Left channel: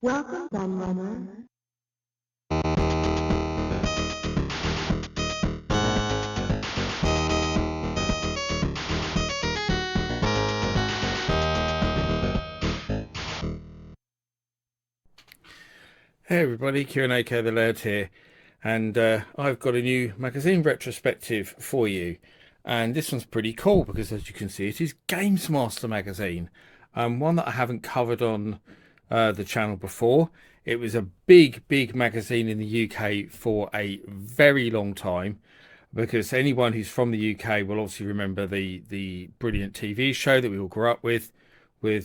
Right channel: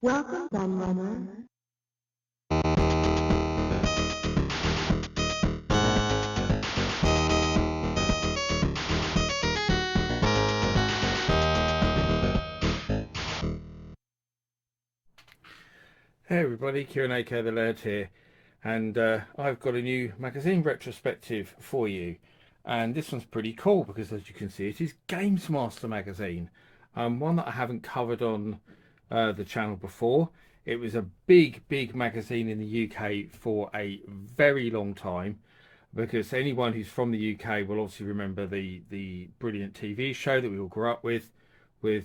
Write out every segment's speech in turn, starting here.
Welcome, Gunrunner. Hey everybody, Q&A the Laird here, and I've got a new magazine retrospective for you. And this one's pretty cool because, as you can see, it is Games Master magazine, one that I haven't covered on the channel before. It was a big magazine in the UK for a very long time, because anyone who's from the UK will obviously remember the brilliant TV show that we all grew up with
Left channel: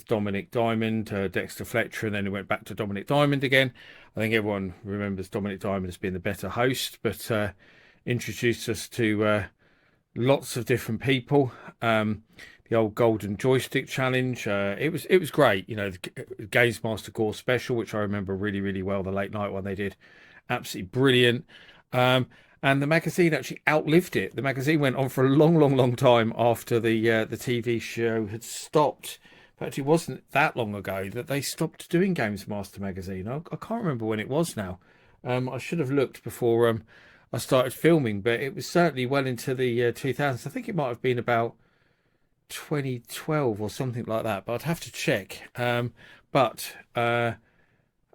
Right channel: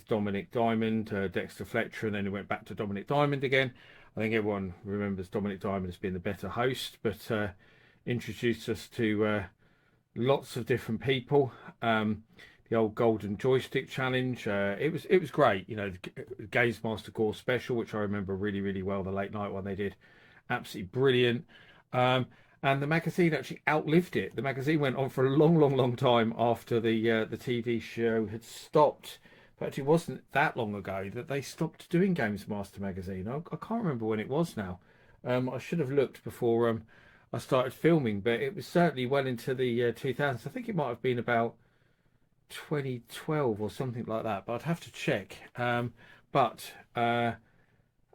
Dominic Diamond, Dexter Fletcher, and then it went back to Dominic Diamond again. I think everyone remembers Dominic Diamond as being the better host, but introduced us to lots of different people. The old Golden Joystick Challenge. It was great. You know, the Games Master Gore special, which I remember really well. The late night one they did, absolutely brilliant. Um, and the magazine actually outlived it. The magazine went on for a long time after the TV show had stopped. In fact, it wasn't that long ago that they stopped doing Games Master magazine. I can't remember when it was now. I should have looked before I started filming, but it was certainly well into the 2000s. I think it might have been about 2012 or something like that, but I'd have to check. But I'm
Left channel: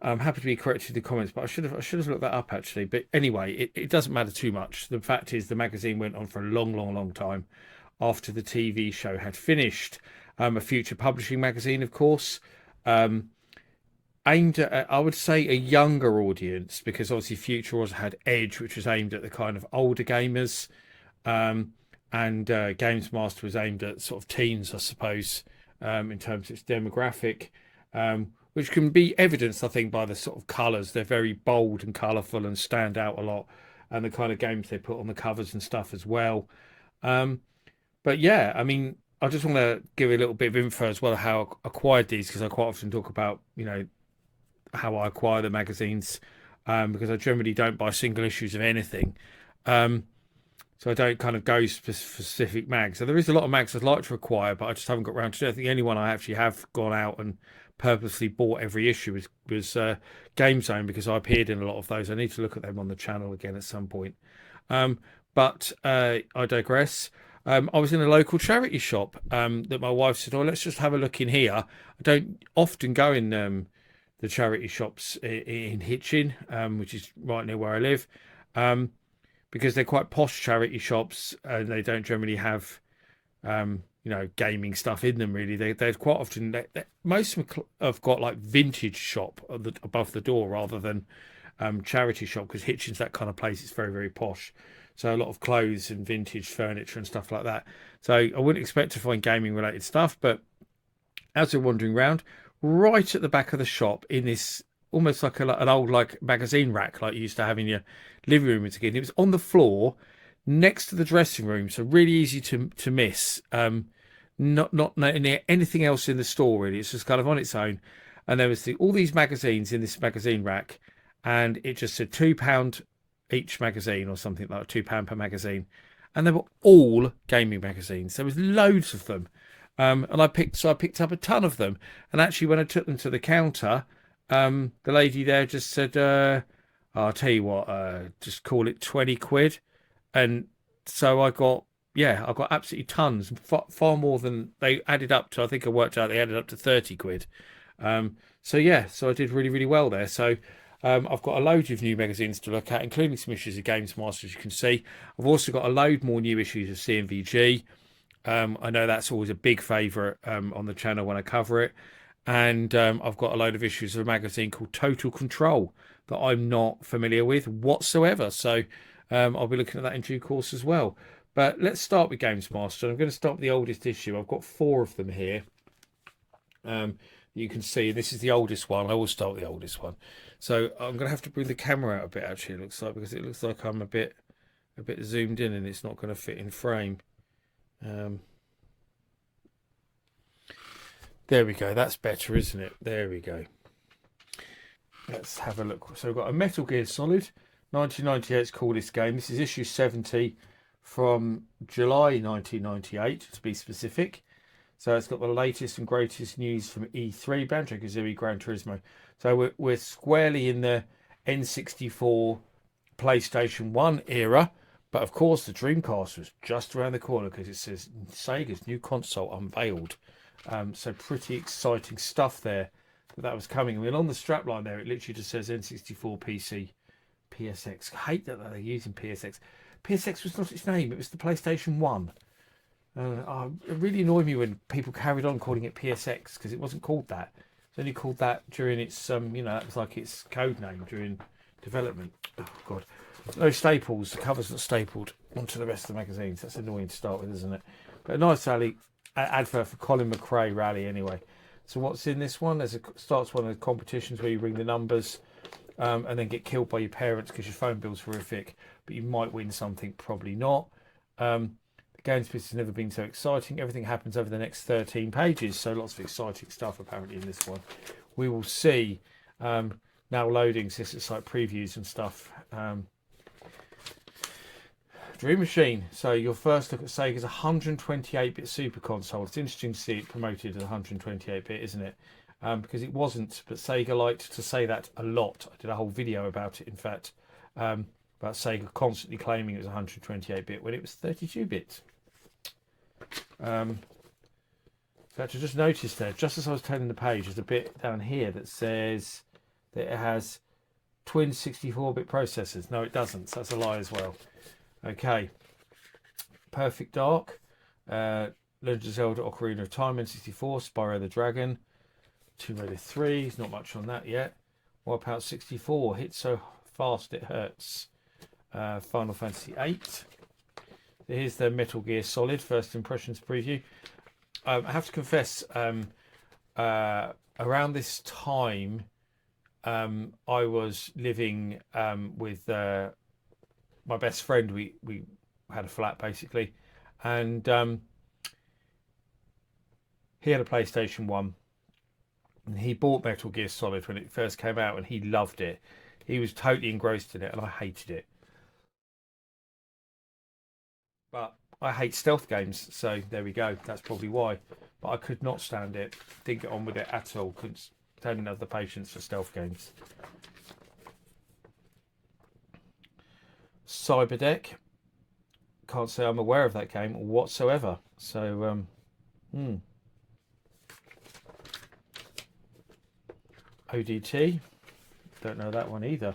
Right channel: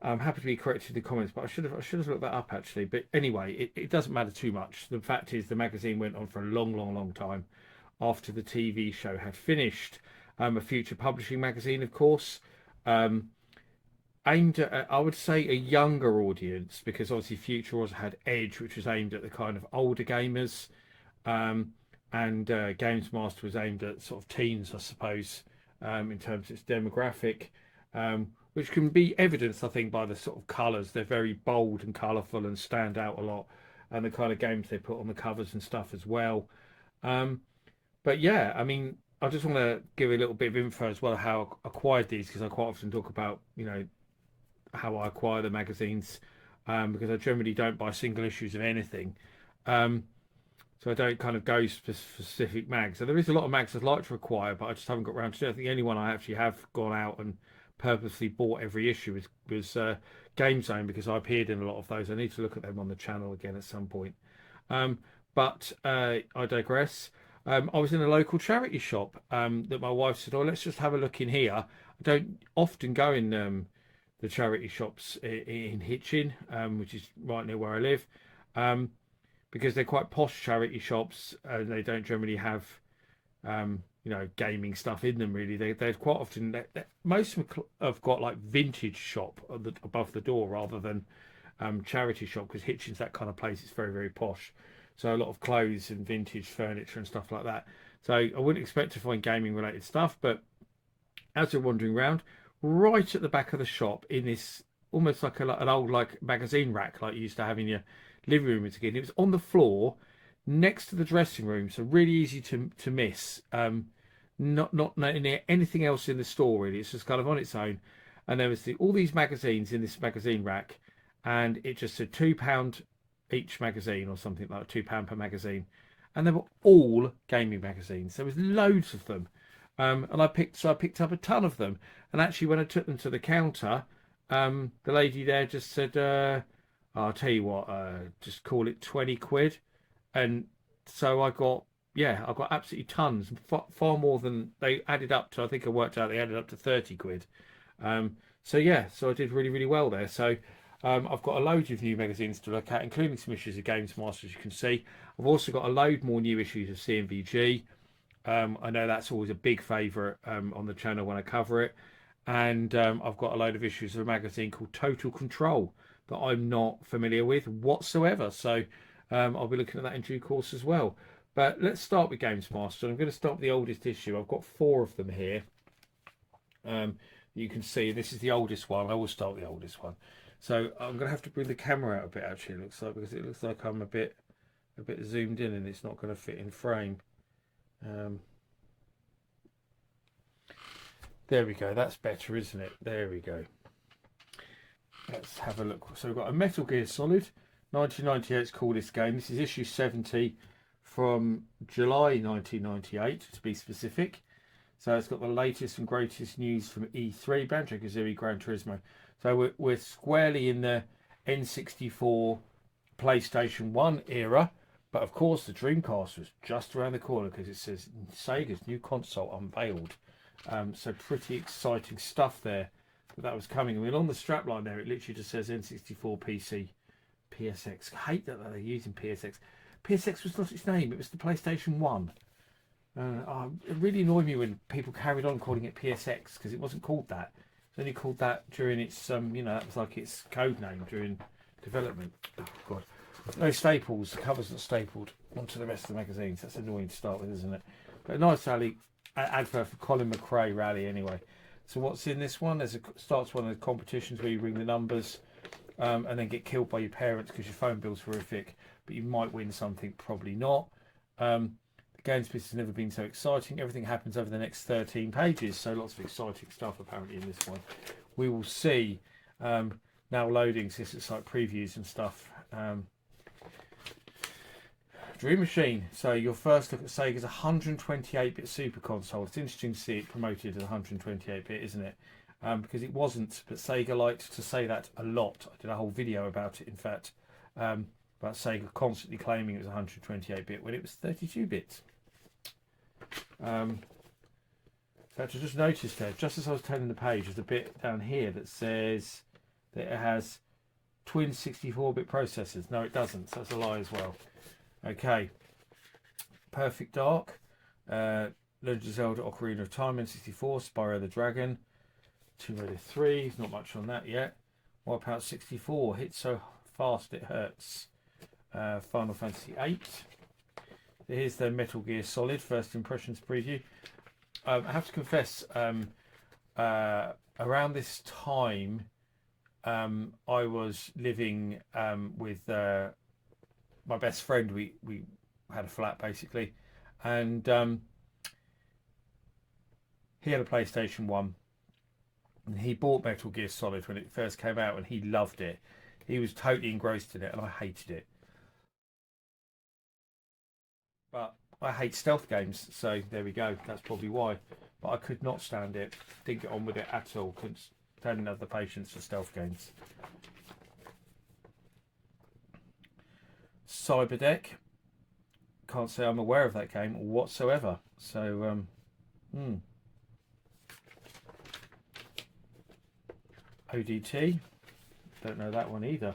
happy to be corrected in the comments, but I should have looked that up actually. But anyway, it doesn't matter too much. The fact is, the magazine went on for a long time after the TV show had finished. A future publishing magazine, of course, um, aimed at, I would say, a younger audience, because obviously Future also had Edge, which was aimed at the kind of older gamers, um, and Games Master was aimed at sort of teens, I suppose, in terms of its demographic, which can be evidenced, I think, by the sort of colours. They're very bold and colourful and stand out a lot, and the kind of games they put on the covers and stuff as well. Um, but yeah, I mean, I just want to give a little bit of info as well how I acquired these, because I quite often talk about, how I acquire the magazines, because I generally don't buy single issues of anything. Um, so I don't kind of go specific mags. So there is a lot of mags I'd like to acquire, but I just haven't got around to it. I think the only one I actually have gone out and purposely bought every issue was Game Zone, because I appeared in a lot of those. I need to look at them on the channel again at some point. Um, but I digress. I was in a local charity shop that my wife said, "Oh, let's just have a look in here." I don't often go in the charity shops in Hitchin, which is right near where I live, um, because they're quite posh charity shops and they don't generally have gaming stuff in them. Really, they're quite often most of them have got like vintage shop above the door rather than charity shop, because Hitchin's that kind of place. It's very posh, so a lot of clothes and vintage furniture and stuff like that. So I wouldn't expect to find gaming related stuff, but as we're wandering around, right at the back of the shop, in this almost like an old like magazine rack like you used to have in your living room as a kid, it was on the floor next to the dressing room, so really easy to miss. Not near anything else in the store really. It's just kind of on its own, and there was all these magazines in this magazine rack, and it just said £2 each magazine or something, like £2 per magazine, and they were all gaming magazines. There was loads of them, and I picked up a ton of them. And actually, when I took them to the counter, the lady there just said, "I'll tell you what, just call it 20 quid." And so I got absolutely tons, far more than they added up to. I think I worked out they added up to 30 quid. So yeah, so I did really well there. So I've got a load of new magazines to look at, including some issues of Games Master, as you can see. I've also got a load more new issues of CMVG. I know that's always a big favourite on the channel when I cover it. And I've got a load of issues of a magazine called Total Control that I'm not familiar with whatsoever. So I'll be looking at that in due course as well. But let's start with Games Master. I'm going to start with the oldest issue. I've got four of them here. You can see this is the oldest one. I will start with the oldest one. So I'm going to have to bring the camera out a bit, actually, it looks like, because it looks like I'm a bit zoomed in and it's not going to fit in frame. Um, There we go. That's better, isn't it? There we go. Let's have a look. So we've got a Metal Gear Solid 1998's coolest game. This is issue 70 from July 1998, to be specific. So it's got the latest and greatest news from E3, Banjo-Kazooie, Gran Turismo. So we're squarely in the N64 PlayStation 1 era. But of course, the Dreamcast was just around the corner because it says Sega's new console unveiled. So pretty exciting stuff there that was coming. I mean, on the strapline there, it literally just says N64 PC PSX. I hate that they're using PSX. PSX was not its name. It was the PlayStation 1. It really annoyed me when people carried on calling it PSX because it wasn't called that. It's only called that during its, that was like its code name during development. Oh, God. No staples. The cover's not stapled onto the rest of the magazines. That's annoying to start with, isn't it? But a nice advert for Colin McRae rally anyway. So what's in this one? Starts one of the competitions where you ring the numbers and then get killed by your parents because your phone bill's horrific. But you might win something, probably not. The games business has never been so exciting. Everything happens over the next 13 pages. So lots of exciting stuff apparently in this one. We will see. Now loading since it's like previews and stuff. Dream Machine. So your first look at Sega's 128-bit Super Console. It's interesting to see it promoted as 128-bit, isn't it? Because it wasn't, but Sega liked to say that a lot. I did a whole video about it, in fact, about Sega constantly claiming it was 128-bit when it was 32-bit. In fact, I just noticed there, just as I was turning the page, there's a bit down here that says that it has twin 64-bit processors. No, it doesn't. So that's a lie as well. Okay, Perfect Dark, Legend of Zelda: Ocarina of Time, N64, Spyro the Dragon, Tomb Raider 3, not much on that yet. Wipeout 64, Hit So Fast It Hurts, Final Fantasy 8. Here's the Metal Gear Solid First Impressions preview. I have to confess, around this time, I was living with my best friend. We had a flat basically, and he had a PlayStation 1 and he bought Metal Gear Solid when it first came out and he loved it. He was totally engrossed in it and I hated it. But I hate stealth games, so there we go. That's probably why. But I could not stand it. Didn't get on with it at all. Couldn't stand the patience for stealth games. Cyberdeck. Can't say I'm aware of that game whatsoever. So, ODT. Don't know that one either.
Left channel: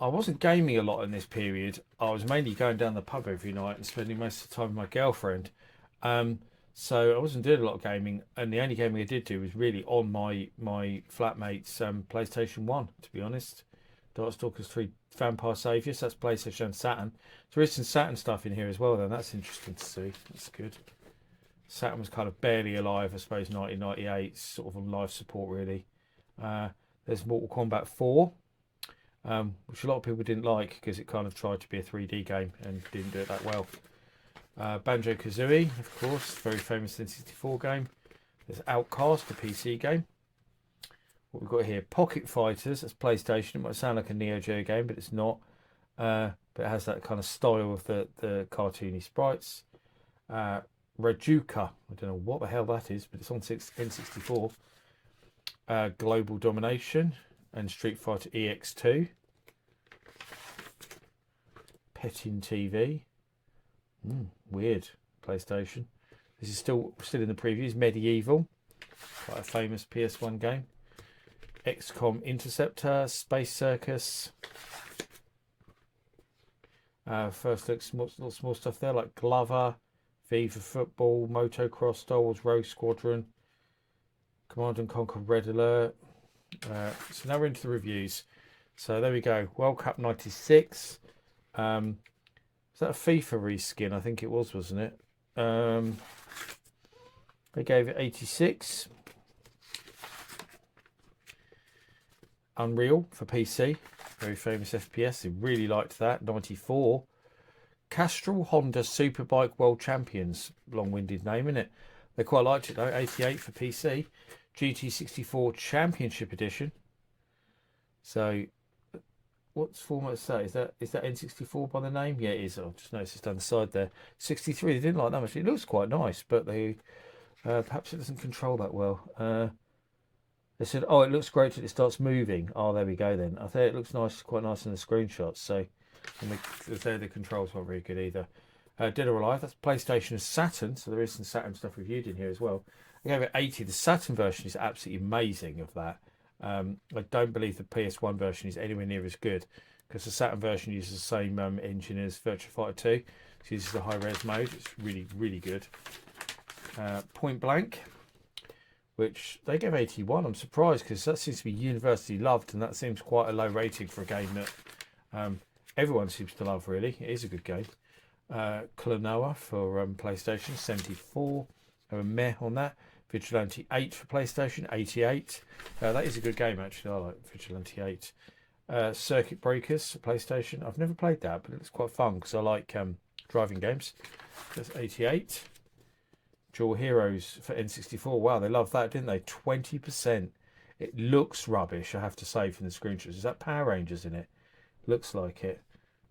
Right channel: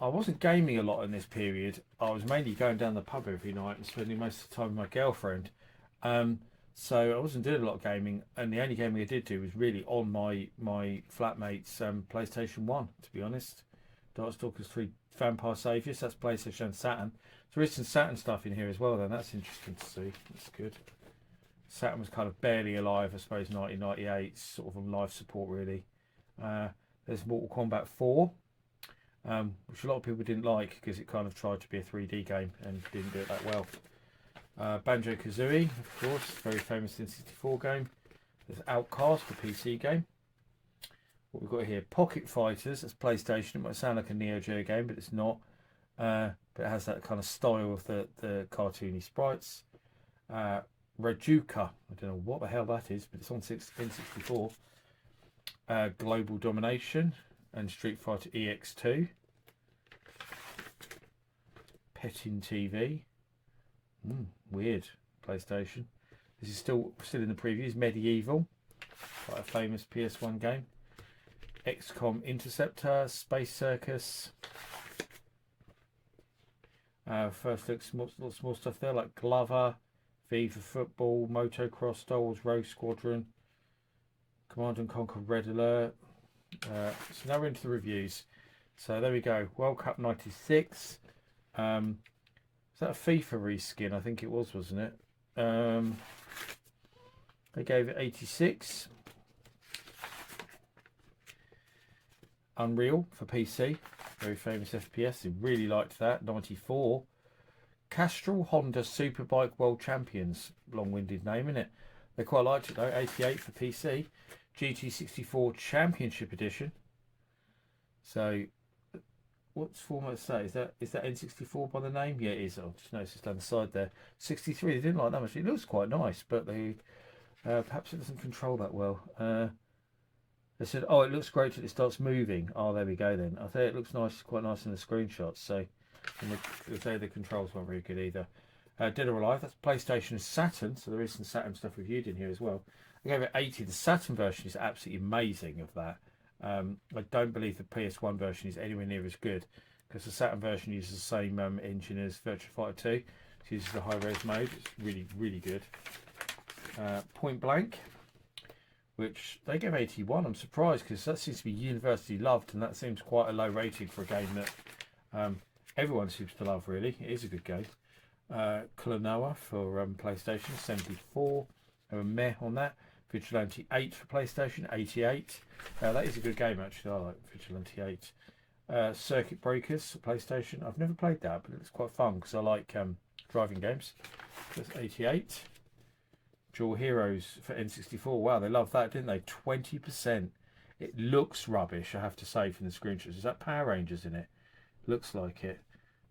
I wasn't gaming a lot in this period. I was mainly going down the pub every night and spending most of the time with my girlfriend. So I wasn't doing a lot of gaming, and the only gaming I did do was really on my flatmate's PlayStation 1, to be honest. Darkstalkers 3 Vampire Saviors, that's PlayStation and Saturn. There is some Saturn stuff in here as well, then. That's interesting to see. That's good. Saturn was kind of barely alive, I suppose, 1998. Sort of on life support, really. There's Mortal Kombat 4, which a lot of people didn't like because it kind of tried to be a 3D game and didn't do it that well. Banjo-Kazooie, of course, very famous N64 game. There's Outcast, a PC game. What we've got here, Pocket Fighters, that's PlayStation. It might sound like a Neo Geo game, but it's not. But it has that kind of style of the cartoony sprites. Rajuka, I don't know what the hell that is, but it's on N64. Global Domination and Street Fighter EX2. Petting TV. Weird. PlayStation. This is still in the previews. Medieval, quite a famous PS1 game. XCOM Interceptor, Space Circus. First look, small stuff there like Glover, V for Football, Motocross, Star Wars Rogue Squadron, Command and Conquer Red Alert. So now we're into the reviews. So there we go. World Cup 96. Is that a FIFA reskin? I think it was, wasn't it? They gave it 86. Unreal for PC, very famous FPS. They really liked that. 94. Castrol Honda Superbike World Champions, long-winded name, isn't it? They quite liked it though. 88 for PC. GT64 Championship Edition. So, what format is that? Is that N64 by the name? Yeah, it is. I just noticed it's down the side there. 63. They didn't like that much. It looks quite nice, but they perhaps it doesn't control that well. They said, oh, it looks great till it starts moving. Oh, there we go then. I think it looks nice, quite nice in the screenshots. So, and the controls weren't very good either. Dead or Alive, that's PlayStation and Saturn, so there is some Saturn stuff reviewed in here as well. I gave it 80. The Saturn version is absolutely amazing of that. I don't believe the PS1 version is anywhere near as good, because the Saturn version uses the same engine as Virtua Fighter 2. It uses the high-res mode. It's really, really good. Point Blank, which they gave 81. I'm surprised, because that seems to be universally loved, and that seems quite a low rating for a game that everyone seems to love, really. It is a good game. Klonoa for PlayStation, 74. A meh on that. Vigilante 8 for PlayStation, 88. That is a good game, actually. I like Vigilante 8. Circuit Breakers for PlayStation. I've never played that, but it's quite fun because I like driving games. That's 88. Dual Heroes for N64. Wow, they loved that, didn't they? 20%. It looks rubbish, I have to say, from the screenshots. Is that Power Rangers in it? Looks like it.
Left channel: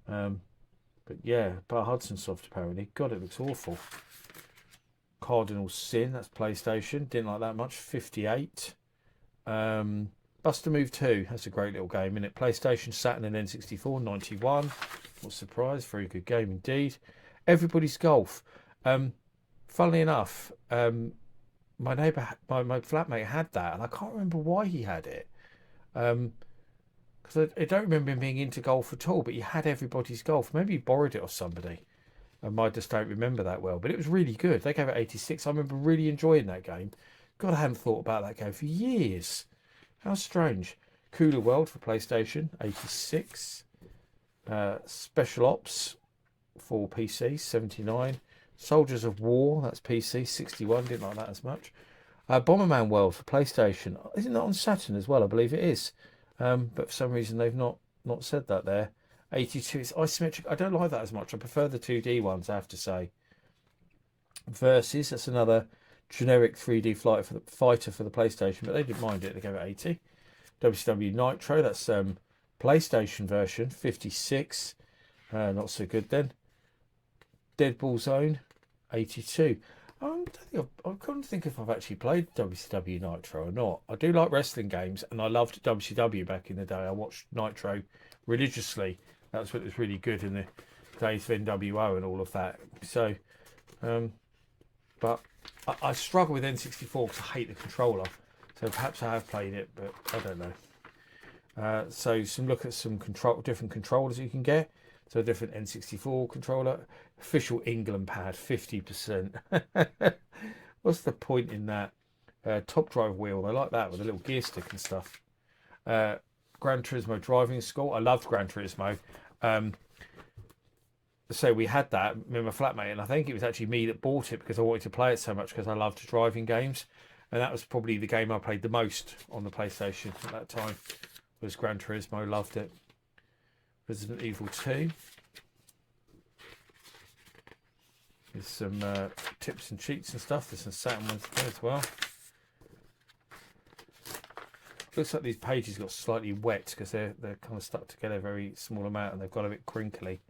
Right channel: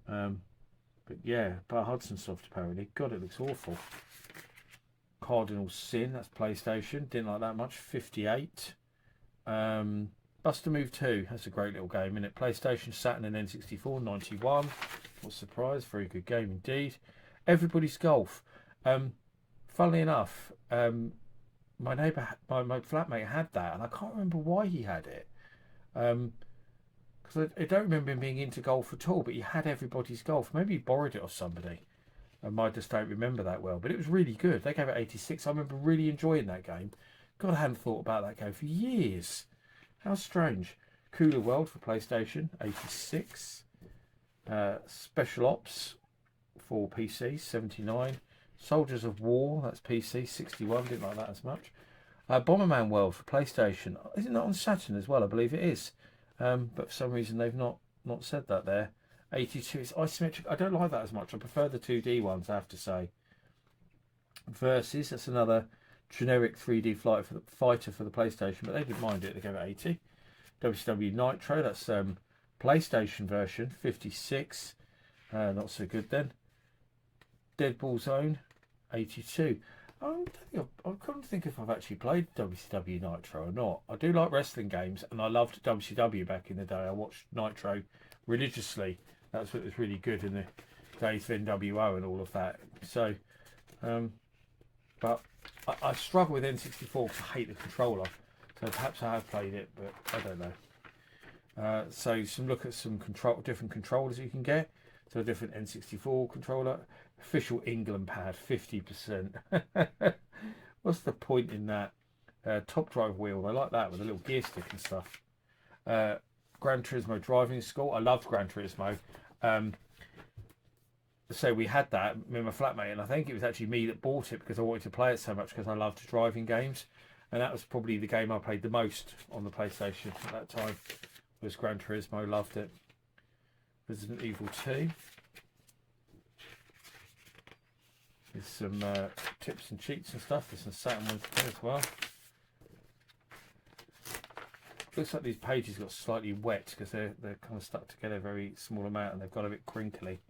But yeah, Bar Hudson Soft apparently. God, it looks awful. Cardinal Sin, that's PlayStation. Didn't like that much. 58. Buster Move 2, that's a great little game, isn't it? PlayStation, Saturn, and N64. 91. Not surprised. Very good game indeed. Everybody's Golf. Funnily enough, my neighbour, my flatmate had that, and I can't remember why he had it. Because I don't remember him being into golf at all, but he had Everybody's Golf. Maybe he borrowed it off somebody. I just don't remember that well, but it was really good. They gave it 86. I remember really enjoying that game. God, I hadn't thought about that game for years. How strange. Cooler World for PlayStation, 86. Special Ops for PC, 79. Soldiers of War, that's PC, 61. Didn't like that as much. Bomberman World for PlayStation. Isn't that on Saturn as well? I believe it is. But for some reason they've not said that there. 82. It's isometric. I don't like that as much. I prefer the 2D ones, I have to say. Versus, that's another generic 3D fighter for the PlayStation, but they didn't mind it. They gave it 80. WCW Nitro, that's PlayStation version, 56. Not so good then. Deadball Zone, 82. I can't think if I've actually played WCW Nitro or not. I do like wrestling games, and I loved WCW back in the day. I watched Nitro religiously. That's what was really good in the days of NWO and all of that. So, but I struggle with N64 because I hate the controller. So perhaps I have played it, but I don't know. So look at some different controllers you can get. So a different N64 controller. Official England pad, 50%. What's the point in that? Top drive wheel, I like that with a little gear stick and stuff. Gran Turismo driving school. I loved Gran Turismo. So we had that with my flatmate, and I think it was actually me that bought it because I wanted to play it so much because I loved driving games, and that was probably the game I played the most on the PlayStation at that time. Was Gran Turismo. Loved it. Resident Evil 2. There's some tips and cheats and stuff. There's some Saturn ones there as well. Looks like these pages got slightly wet because they're kind of stuck together a very small amount, and they've got a bit crinkly.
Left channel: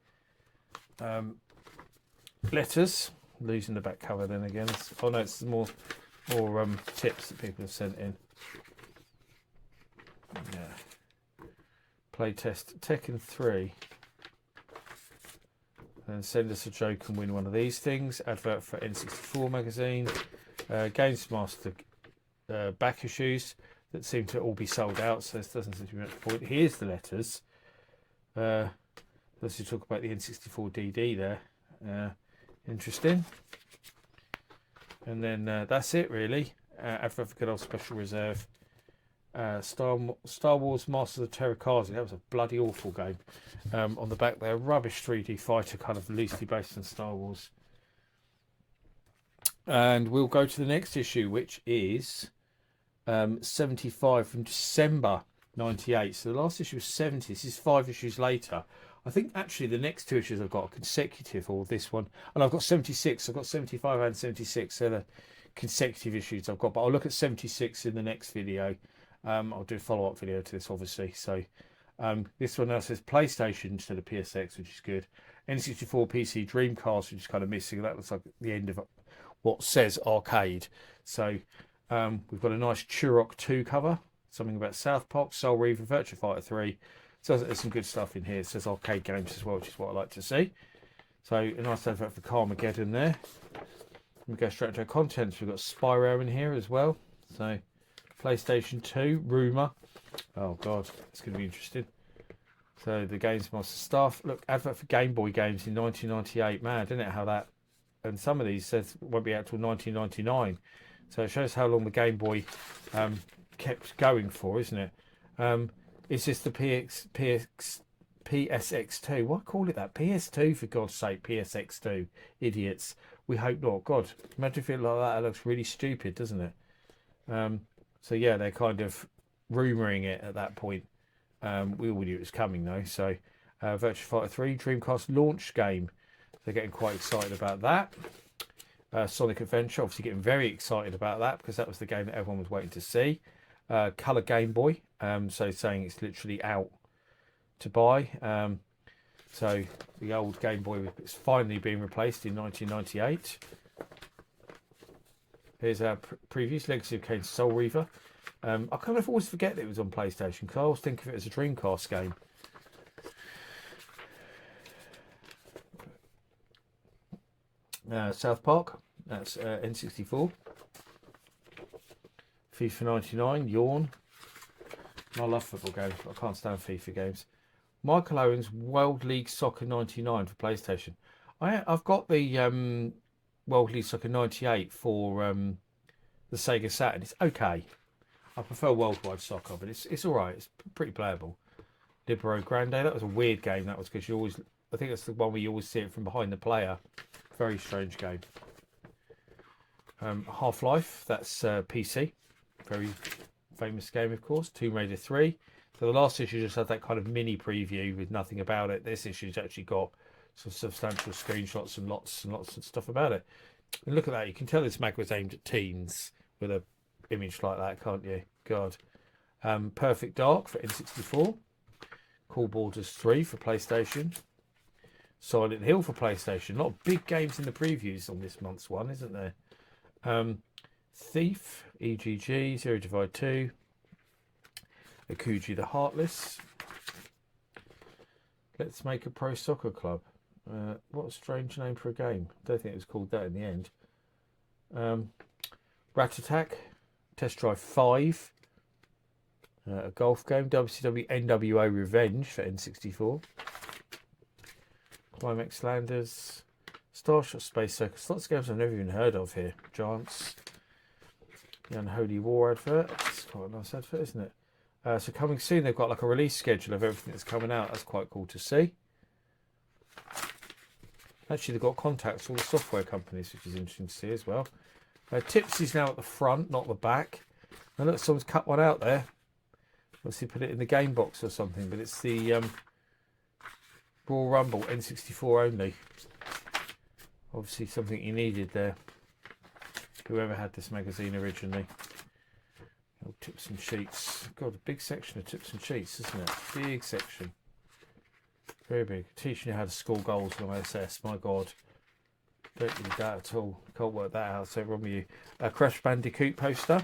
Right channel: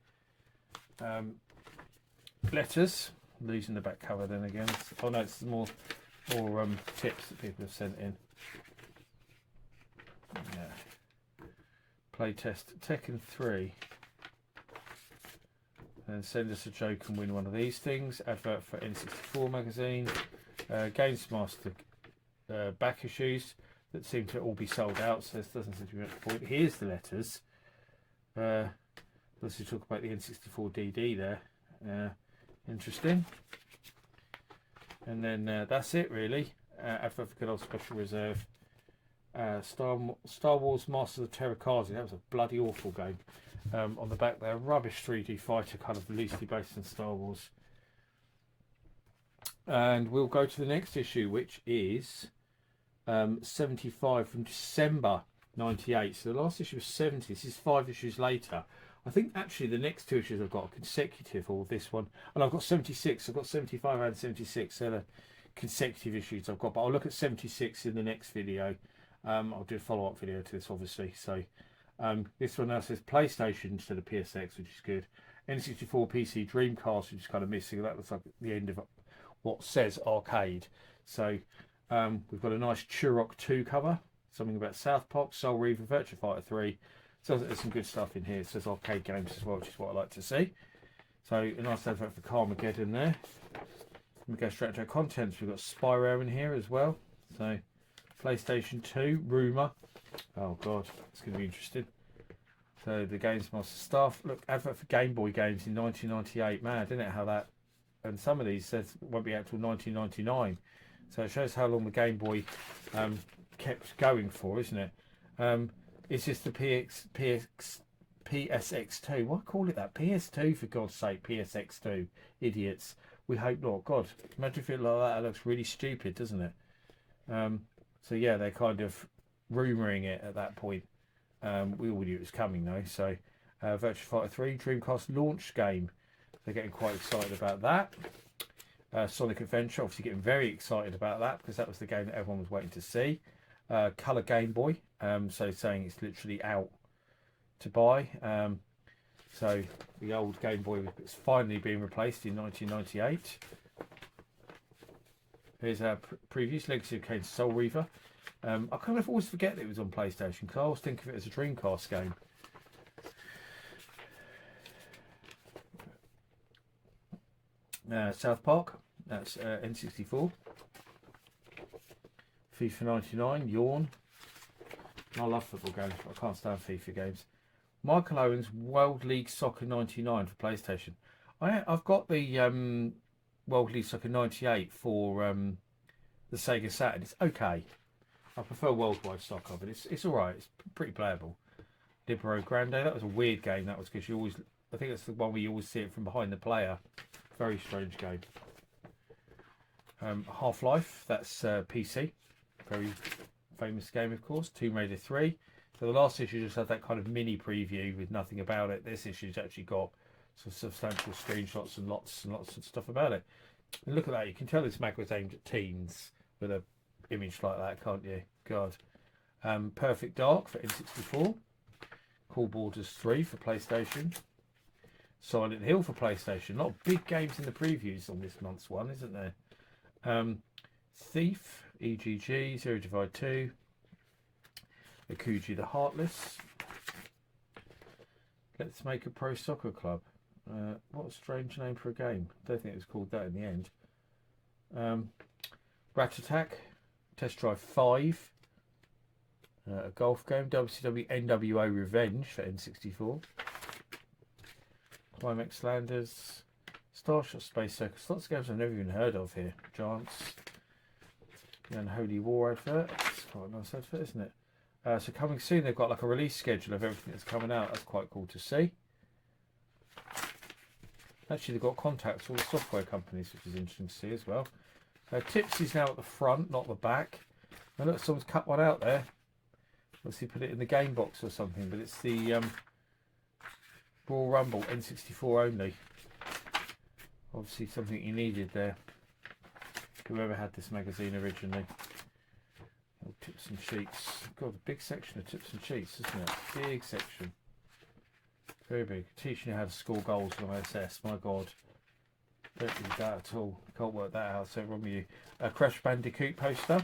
Letters. Losing the back cover then again. Oh no, it's more tips that people have sent in. Yeah. Playtest Tekken 3. And send us a joke and win one of these things. Advert for N64 magazine. Games Master back issues that seem to all be sold out, so this doesn't seem to be much point. Here's the letters. Let's talk about the N64 DD there. Interesting. And then that's it really. Advert for good old Special Reserve. Star Wars Masters of Terrakazi. That was a bloody awful game. On the back there, rubbish 3D fighter, kind of loosely based on Star Wars. And we'll go to the next issue, which is 75 from December 98. So the last issue was 70. This is 5 issues later. I think actually the next 2 issues I've got are consecutive, or this one, and I've got 76. I've got 75 and 76. So the consecutive issues I've got, but I'll look at 76 in the next video. I'll do a follow-up video to this, obviously. So this one now says PlayStation instead of PSX, which is good. N64, PC, Dreamcast, which is kind of missing. That looks like the end of what says arcade. So we've got a nice Turok 2 cover. something about South Park, Soul Reaver, Virtua Fighter 3. So there's some good stuff in here. It says arcade games as well, which is what I like to see. So a nice advert for Carmageddon there. We go straight to our contents. We've got Spyro in here as well. So PlayStation 2, Rumour. Oh god, it's going to be interesting. So the Games Master stuff. Look, advert for Game Boy games in 1998. Mad, isn't it? How that, and some of these says won't be out till 1999. So it shows how long the Game Boy kept going for, isn't it? It's just the PSX2. Why call it that? PS2 for God's sake. PSX2, idiots. We hope not. God, imagine if it like that. It looks really stupid, doesn't it? So yeah, they're kind of rumouring it at that point. We all knew it was coming though. So Virtua Fighter 3 Dreamcast launch game. They're getting quite excited about that. Sonic Adventure, obviously getting very excited about that because that was the game that everyone was waiting to see. Colour Game Boy, so saying it's literally out to buy. So the old Game Boy is finally being replaced in 1998. Here's our previous Legacy of Kain Soul Reaver. I kind of always forget that it was on PlayStation because I always think of it as a Dreamcast game. South Park, that's N64. FIFA 99, yawn. I love football games, but I can't stand FIFA games. Michael Owen's World League Soccer 99 for PlayStation. I've got the World League Soccer 98 for the Sega Saturn. It's okay. I prefer Worldwide Soccer, but it's all right. It's pretty playable. Libero Grande, that was a weird game. That was because you always, I think that's the one where you always see it from behind the player. Very strange game. Half-Life, that's PC. Very famous game, of course. Tomb Raider 3. So the last issue just had that kind of mini preview with nothing about it. This issue's actually got some substantial screenshots and lots of stuff about it. And look at that. You can tell this mag was aimed at teens with a image like that, can't you? God. Perfect Dark for N64. Cool Borders 3 for PlayStation. Silent Hill for PlayStation. A lot of big games in the previews on this month's one, isn't there? Thief, EGG, Zero Divide 2, Akuji the Heartless. Let's Make a Pro Soccer Club. What a strange name for a game. Don't think it was called that in the end. Rat Attack, Test Drive 5, a golf game, WCW NWO Revenge for N64. Climax Landers, Starshot Space Circus, lots of games I've never even heard of here. Giants, the Unholy War advert, it's quite a nice advert, isn't it? So coming soon, they've got like a release schedule of everything that's coming out. That's quite cool to see. Actually, they've got contacts with all the software companies, which is interesting to see as well. Tips is now at the front, not the back. And look, someone's cut one out there. Obviously put it in the game box or something, but it's the Royal Rumble N64 only. Obviously something you needed there. Whoever had this magazine originally. Oh, tips and sheets. God, a big section of tips and sheets, isn't it? Big section. Very big. Teaching you how to score goals on SS. My God. Don't need that at all. Can't work that out. So wrong with you. A Crash Bandicoot poster.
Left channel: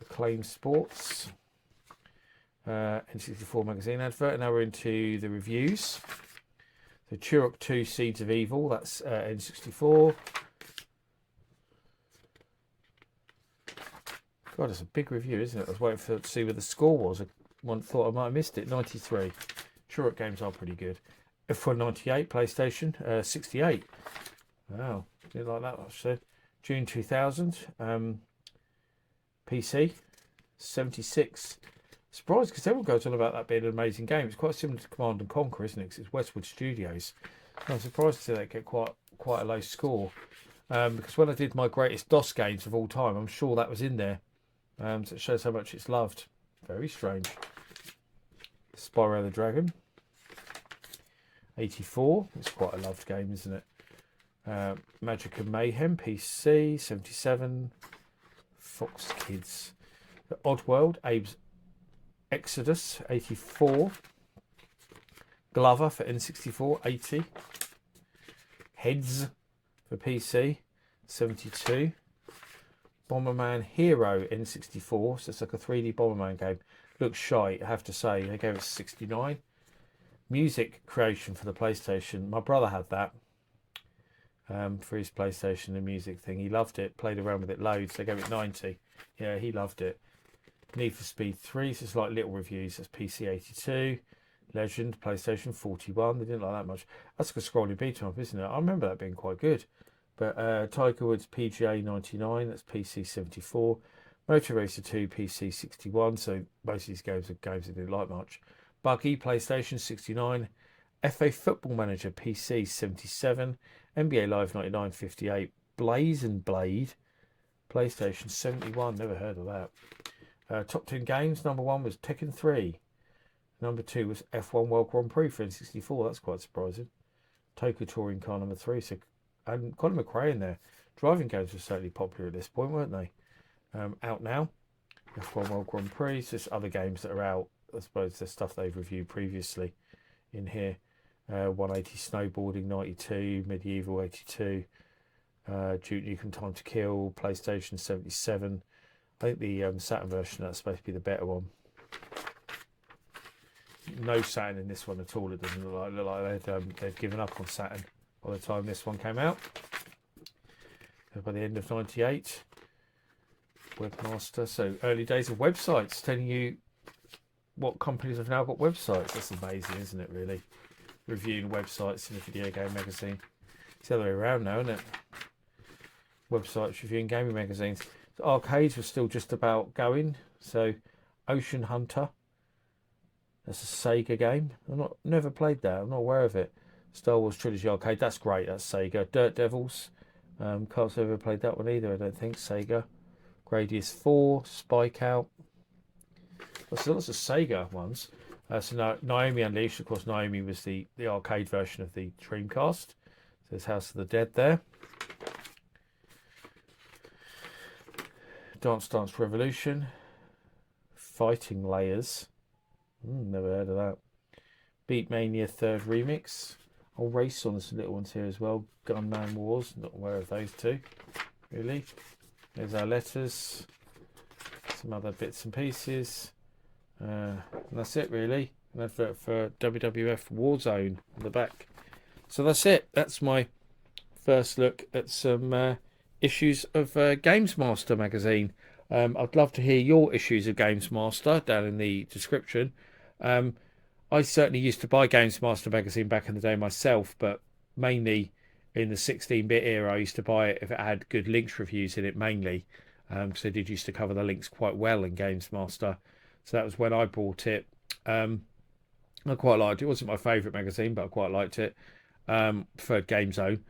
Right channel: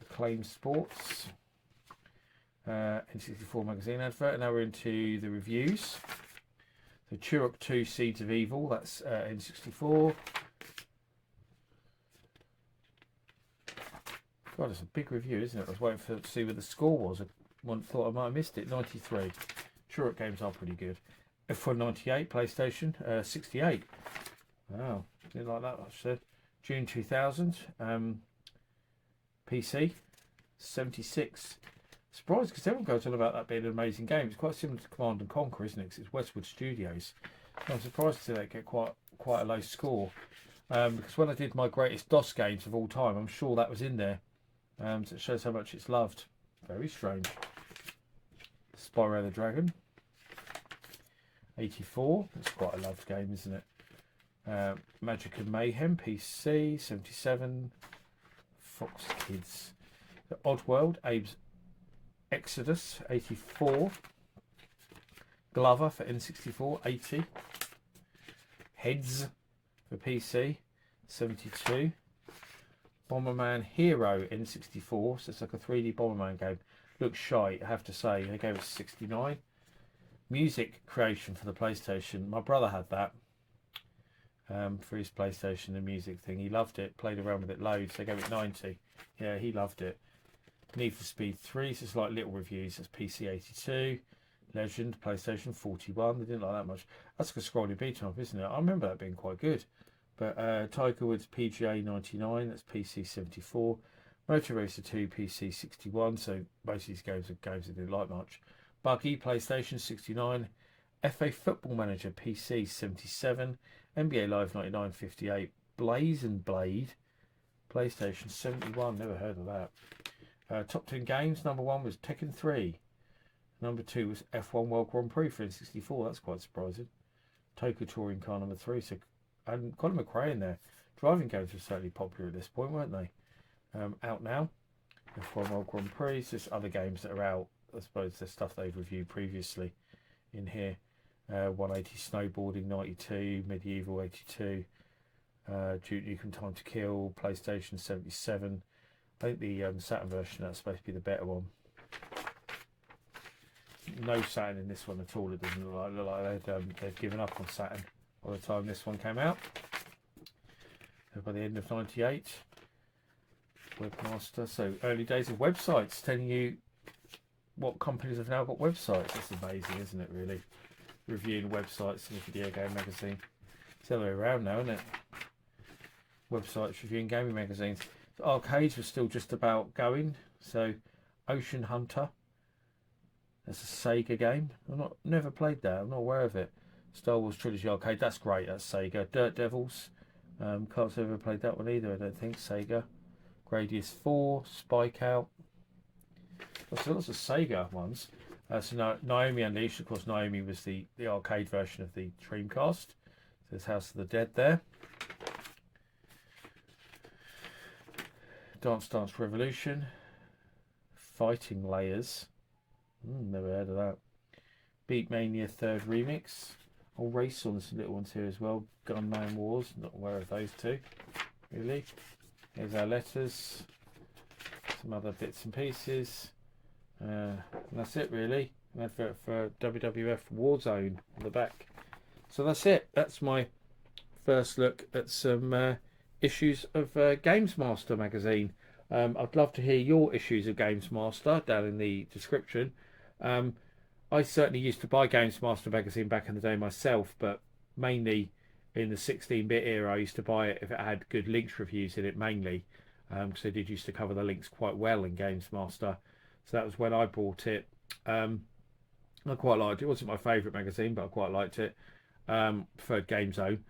Acclaim Sports. N64 magazine advert. And now we're into the reviews. So Turok 2 Seeds of Evil. That's N64. God, it's a big review, isn't it? I was waiting to see where the score was. I thought I might have missed it. 93. Turok games are pretty good. F1 98 PlayStation. 68. Wow, did like that. I said June 2000. PC 76. Surprised because everyone goes on about that being an amazing game. It's quite similar to Command and Conquer, isn't it? Because it's Westwood Studios. I'm surprised to see that get quite a low score. Because when I did my greatest DOS games of all time, I'm sure that was in there. So it shows how much it's loved. Very strange. Spyro the Dragon. 84. It's quite a loved game, isn't it? Magic and Mayhem PC 77. Fox Kids. The Oddworld, Abe's Exodus 84. Glover for N64 80. Heads for PC 72. Bomberman Hero N64. So it's like a 3D Bomberman game. Looks shite, I have to say. They gave it 69. Music creation for the PlayStation. My brother had that for his PlayStation, the music thing. He loved it. Played around with it loads. They gave it 90. Yeah, he loved it. Need for Speed 3. So it's like little reviews. That's PC 82. Legend, PlayStation 41. They didn't like that much. That's like a scrolling beat 'em up, isn't it? I remember that being quite good. But Tiger Woods PGA 99. That's PC 74. Motor Racer 2 PC 61. So most of these games are games I didn't like much. Buggy PlayStation 69. FA Football Manager PC 77. NBA Live 99 58. Blaze and Blade PlayStation 71. Never heard of that. Top 10 games. Number 1 was Tekken 3. Number 2 was F1 World Grand Prix for N64. That's quite surprising. Tokyo Touring Car number 3. So, and Colin McRae in there. Driving games were certainly popular at this point, weren't they? Out now. F1 World Grand Prix. So there's other games that are out. I suppose there's stuff they've reviewed previously in here. 180 Snowboarding 92. Medieval 82. Duke Nukem Time to Kill. PlayStation 77. I think the Saturn version that's supposed to be the better one. No Saturn in this one at all. It doesn't look like they've given up on Saturn by the time this one came out. So by the end of 98. Webmaster. So early days of websites, telling you what companies have now got websites. That's amazing, isn't it, really? Reviewing websites in a video game magazine. It's the other way around now, isn't it? Websites reviewing gaming magazines. The arcades were still just about going. So Ocean Hunter. That's a Sega game. Never played that. I'm not aware of it. Star Wars Trilogy Arcade. That's great. That's Sega. Dirt Devils. Can't say I've ever played that one either. I don't think. Sega. Gradius 4. Spike Out. Lots of Sega ones. So Naomi Unleashed. Of course, Naomi was the arcade version of the Dreamcast. So there's House of the Dead there. Dance Dance Revolution. Fighting Layers. Never heard of that. Beat Mania 3rd Remix. I'll race on some little ones here as well. Gunman Wars. Not aware of those two. Really. There's our letters. Some other bits and pieces. And that's it really. An advert for WWF Warzone on the back. So that's it. That's my first look at some issues of Games Master magazine. I'd love to hear your issues of Games Master down in the description. I certainly used to buy Games Master magazine back in the day myself, but mainly in the 16-bit era. I used to buy it if it had good links reviews in it mainly, because they did used to cover the links quite well in Games Master. So that was when I bought it. I quite liked it. It wasn't my favourite magazine, but I quite liked it. Preferred Game Zone,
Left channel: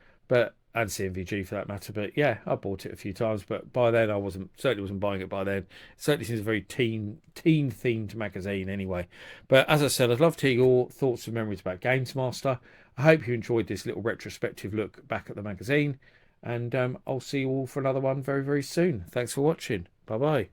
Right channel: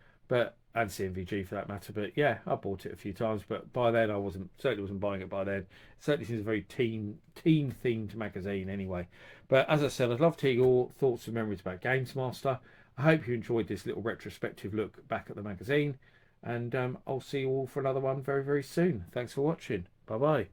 and CMVG for that matter. But yeah, I bought it a few times. But by then, I certainly wasn't buying it by then. It certainly seems a very teen themed magazine anyway. But as I said, I'd love to hear your thoughts and memories about Games Master. I hope you enjoyed this little retrospective look back at the magazine. And I'll see you all for another one very, very soon. Thanks for watching. Bye bye.